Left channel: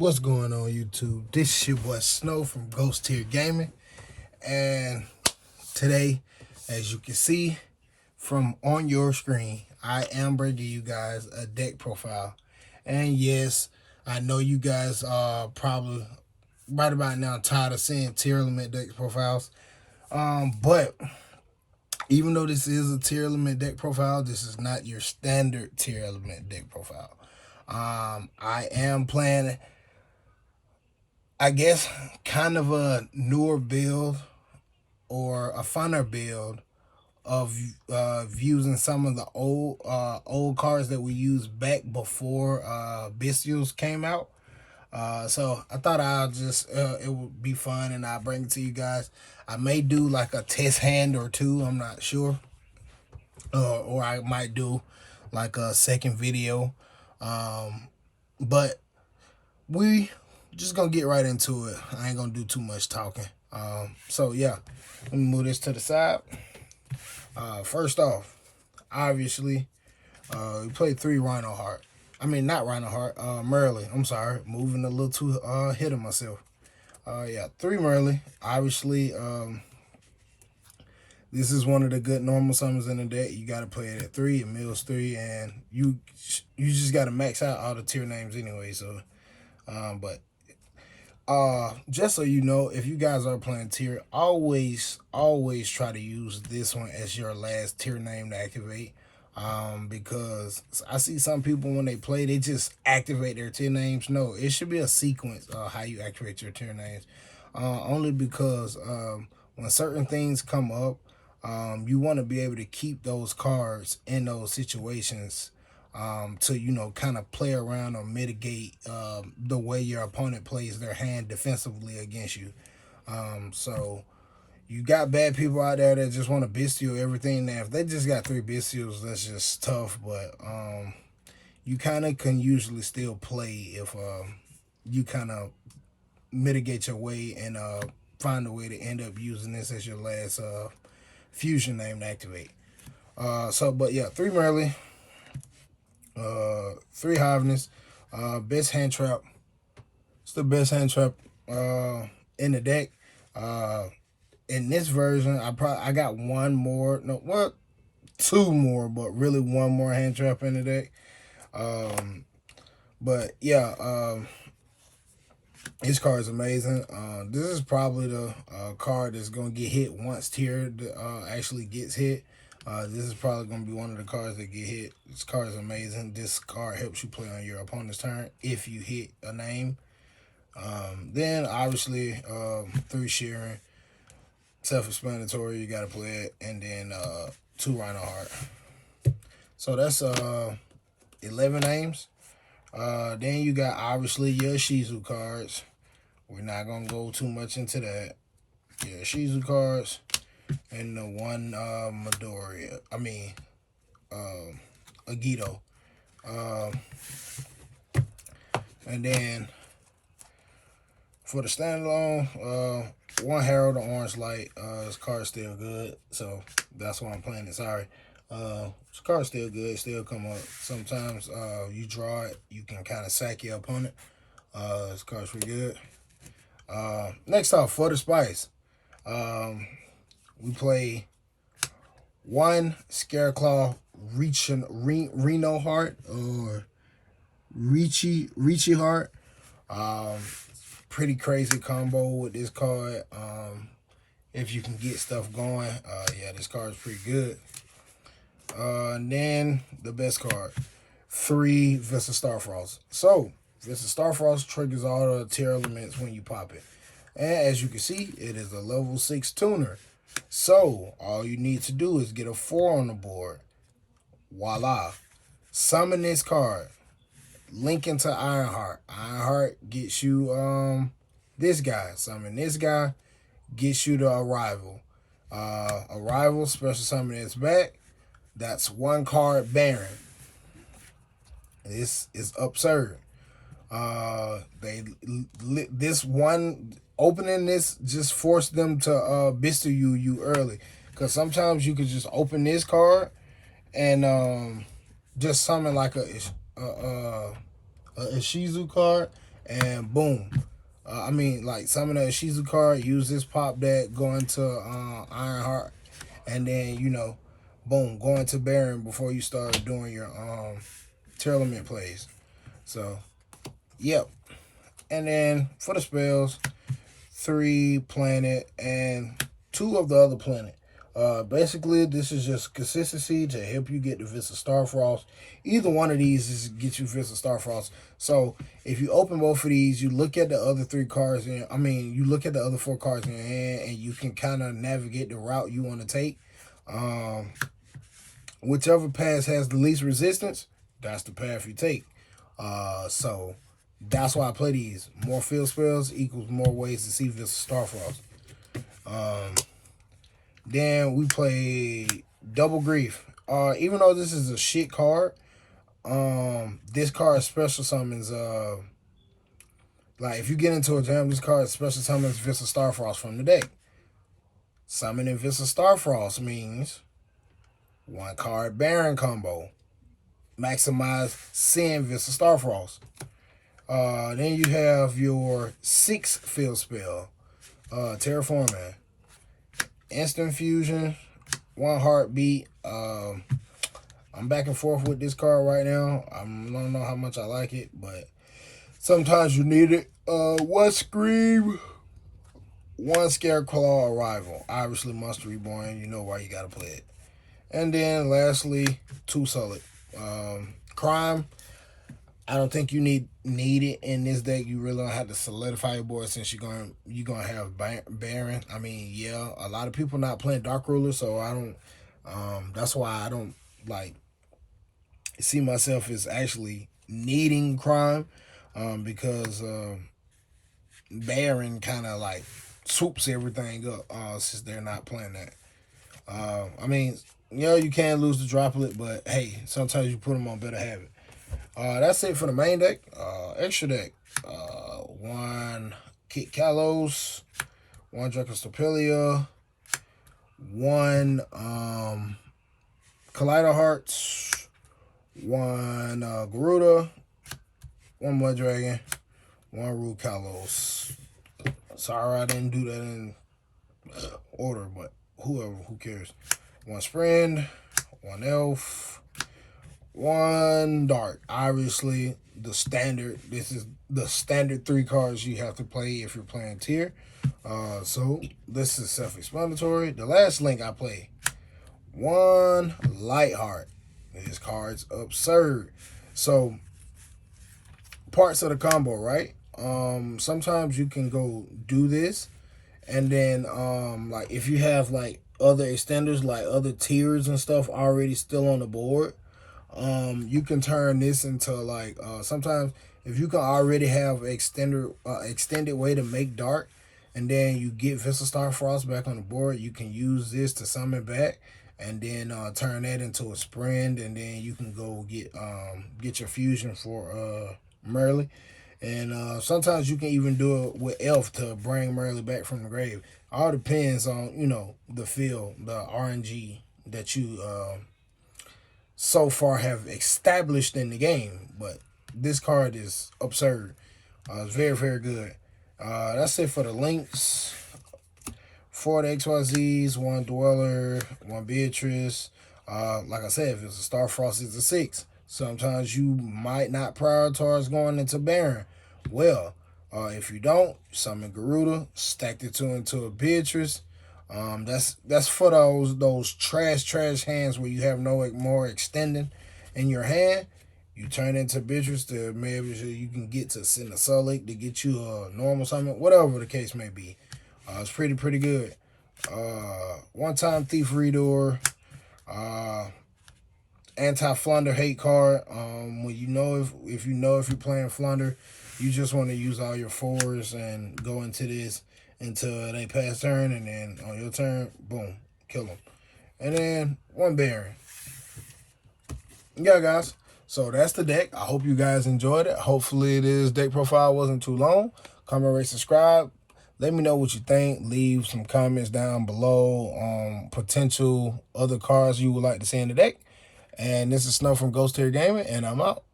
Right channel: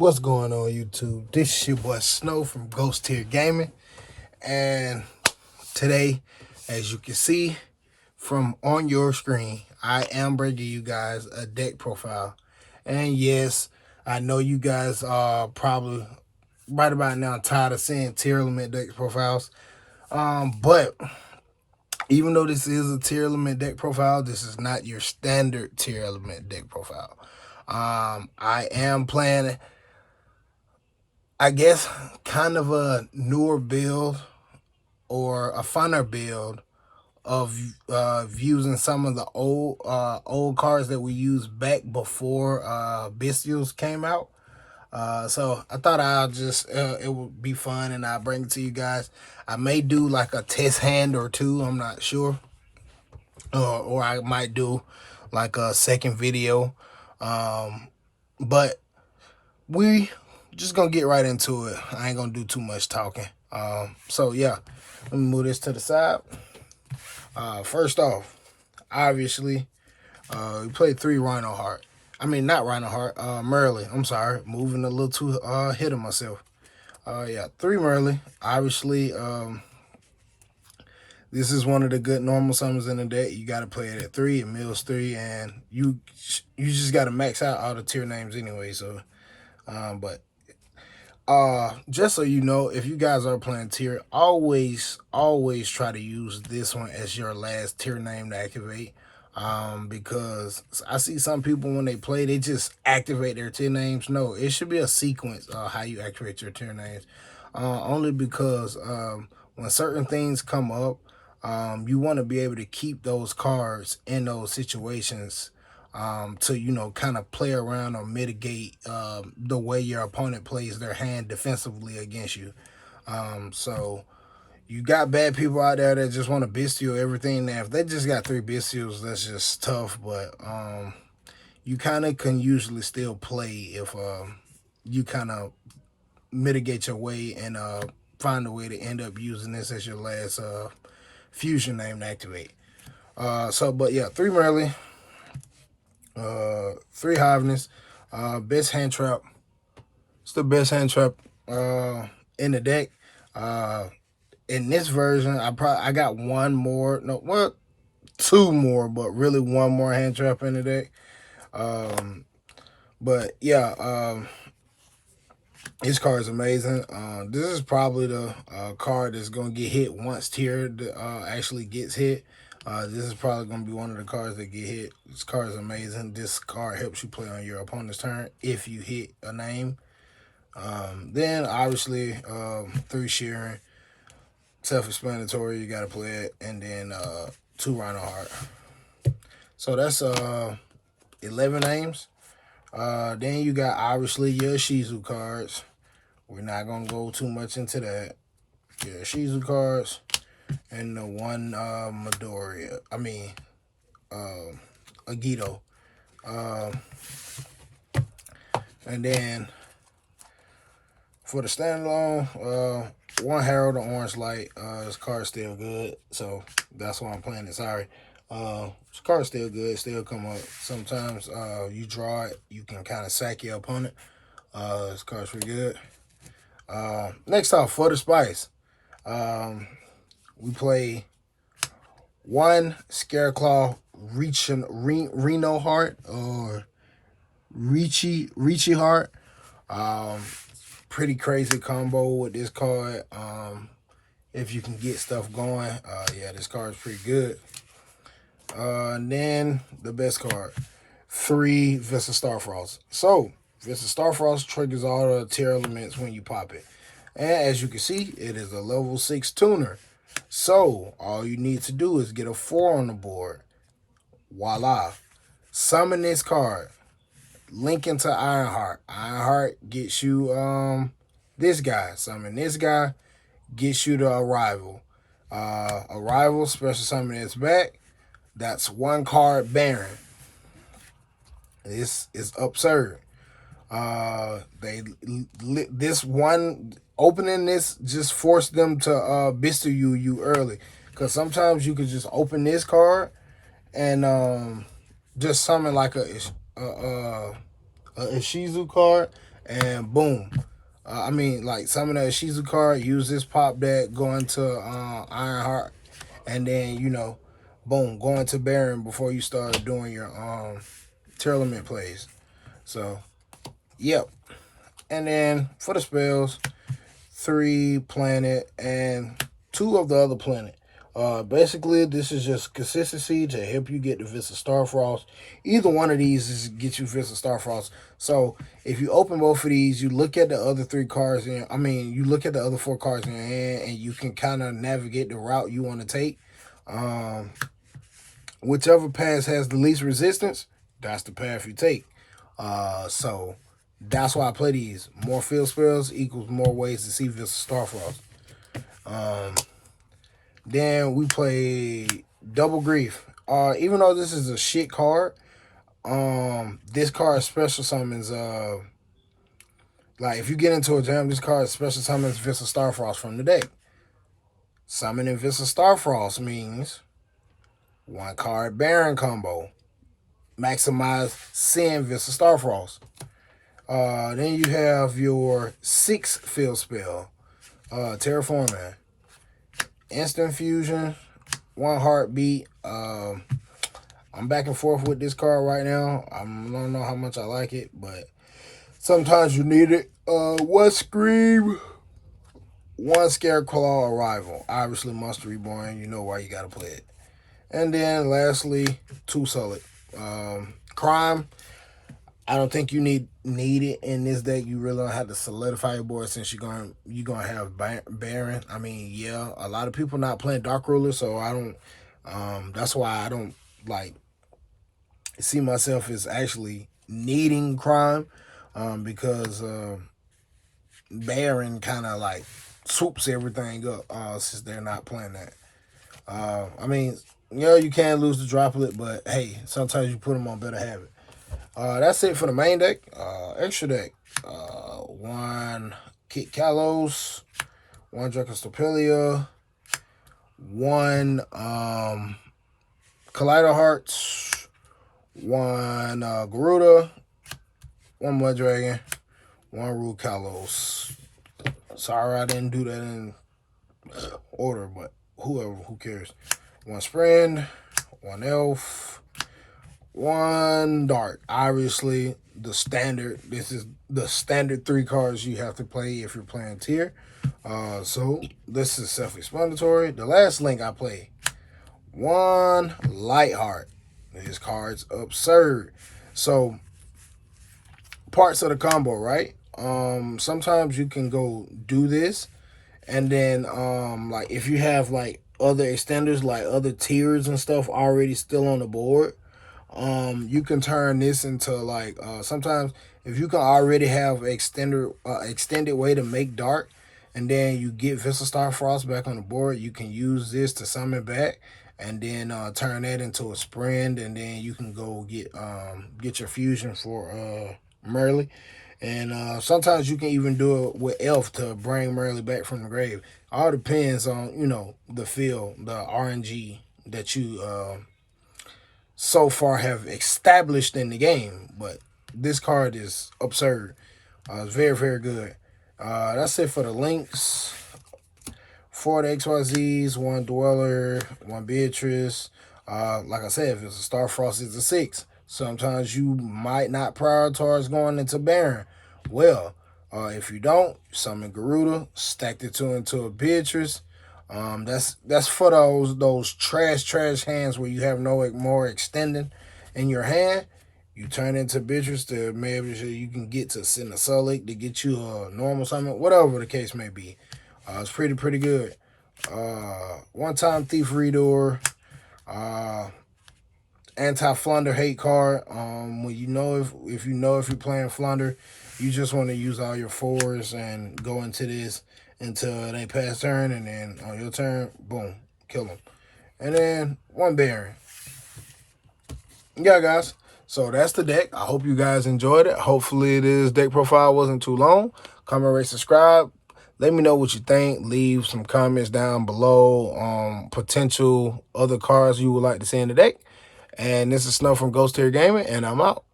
What's going on, YouTube? This is your boy Snow from Ghost Tier Gaming, and today, as you can see from on your screen, I am bringing you guys a deck profile. And yes, I know you guys are probably right about now tired of seeing tier limit deck profiles, but even though this is a tier limit deck profile, this is not your standard tier element deck profile. I am playing, I guess, kind of a newer build or a funner build of using some of the old cards that we used back before Bestials came out. So I thought I'll just it would be fun and I'll bring it to you guys. I may do like a test hand or two, I'm not sure, or I might do like a second video, but we just gonna get right into it. I ain't gonna do too much talking. So yeah, let me move this to the side. First off, obviously, we played 3 Rhino Heart. I mean, not Rhino Heart, Merle. I'm sorry, moving a little too ahead of myself. Yeah, 3 Merle. Obviously, this is one of the good normal summons in the deck. You got to play it at 3, it mills 3, and you just got to max out all the tier names anyway. So, but just so you know, if you guys are playing tier, always try to use this one as your last tier name to activate. Because I see some people when they play, they just activate their tier names. No, it should be a sequence of how you activate your tier names. Only because when certain things come up, you want to be able to keep those cards in those situations to, you know, kind of play around or mitigate the way your opponent plays their hand defensively against you. So you got bad people out there that just want to bestial everything. Now, if they just got 3 bestials, that's just tough. But you kind of can usually still play if you kind of mitigate your way and find a way to end up using this as your last fusion name to activate. But yeah, 3 Merle, 3 Hiveness, best hand trap. It's the best hand trap in the deck. In this version, I got 1 more, no, well, 2 more, but really 1 more hand trap in the deck. But yeah, this card is amazing. This is probably the card that's gonna get hit once tier actually gets hit. This is probably gonna be one of the cards that get hit. This card is amazing. This card helps you play on your opponent's turn if you hit a name. Then obviously 3 Shearing. Self-explanatory, you gotta play it, and then 2 Rhino Heart. So that's 11 names. Then you got obviously your Ishizu cards. We're not gonna go too much into that. Your Ishizu cards and the 1 Midoriya. I mean Agito. And then for the standalone, 1 Herald of Orange Light. This card's still good, so that's why I'm playing it. Sorry. This card's still good, still come up. Sometimes you draw it, you can kind of sack your opponent. This card's pretty good. Next off, for the spice, we play 1 ScareClaw Reno Heart or Ricci Heart. Pretty crazy combo with this card. If you can get stuff going, yeah, this card is pretty good. And then the best card, 3 Vista Starfrost. So Vista Starfrost triggers all the tier elements when you pop it, and as you can see, it is a level 6 tuner. So all you need to do is get a 4 on the board. Voila! Summon this card. Link into Ironheart. Ironheart gets you this guy. Summon this guy, gets you the Arrival. Arrival, special summon its back. That's 1 card Baron. This is absurd. This one opening this just forced them to bestial you early. Cause sometimes you could just open this card and just summon like a Ishizu card and boom. I mean, like some of the Ishizu card, use this pop deck, go into Ironheart, and then, you know, boom, go into Baron before you start doing your tournament plays. So, yep. And then for the spells, 3 planet and 2 of the other planet. Basically, this is just consistency to help you get the Vista Starfrost. Either one of these is get you Vista Starfrost. So if you open both of these, you look at the other 3 cards, you look at the other 4 cards in your hand, and you can kind of navigate the route you want to take. Whichever path has the least resistance, that's the path you take. So that's why I play these. More field spells equals more ways to see Vista Starfrost. Then we play Double Grief. Even though this is a shit card, this card special summons, like if you get into a jam, this card special summons Vista Starfrost from the deck. Summoning Vista Starfrost means 1 card Baron combo. Maximize send Vista Starfrost. Then you have your 6 field spell, Terraforming. Instant fusion, 1 heartbeat. I'm back and forth with this card right now. I don't know how much I like it, but sometimes you need it. 1 scream, 1 ScareClaw arrival. Obviously, Monster Reborn. You know why you gotta play it. And then lastly, 2 solid. Crime. I don't think you need it in this deck. You really don't have to solidify your board since you're gonna have Baron. I mean, yeah, a lot of people not playing Dark Ruler, so I don't. That's why I don't like see myself as actually needing Crime, because Baron kind of like swoops everything up since they're not playing that. I mean, you know, you can lose the droplet, but hey, sometimes you put them on better habit. That's it for the main deck. Extra deck. 1 Kit Kalos, 1 Dracostopelia, 1 Collider Hearts, 1 Garuda, 1 Mud Dragon, 1 Rude Kalos. Sorry I didn't do that in order, but who cares. 1 Sprint, 1 Elf, 1 Dark. Obviously, the standard. This is the standard 3 cards you have to play if you're playing tier. So this is self-explanatory. The last link I play, 1 Lightheart. This card's absurd. So parts of the combo, right? Sometimes you can go do this, and then like if you have like other extenders, like other tiers and stuff already still on the board, you can turn this into like sometimes if you can already have extended way to make dark, and then you get Vista Starfrost back on the board, you can use this to summon back, and then turn that into a sprint, and then you can go get your fusion for Merle. And sometimes you can even do it with Elf to bring Merle back from the grave. All depends on, you know, the field, the RNG that you so far have established in the game. But this card is absurd. It's very, very good. That's it for the links. 4 the XYZs, 1 Dweller, 1 Beatrice. Like I said, if it's a Starfrost, it's a 6. Sometimes you might not prioritize going into Baron. Well, if you don't, summon Garuda, stack the 2 into a Beatrice. That's for those trash hands where you have no more extending in your hand. You turn into Beatrice to maybe you can get to send a Sulic to get you a normal summon, whatever the case may be. It's pretty good. 1-time Thief Reader. Anti-Flunder hate card. When you know if you're playing Flunder, you just want to use all your 4s and go into this until they pass turn, and then on your turn, boom, kill them. And then 1 Baron. Yeah, guys. So that's the deck. I hope you guys enjoyed it. Hopefully this deck profile wasn't too long. Comment, rate, subscribe. Let me know what you think. Leave some comments down below on potential other cards you would like to see in the deck. And this is Sno from Guys Sno Gaming, and I'm out.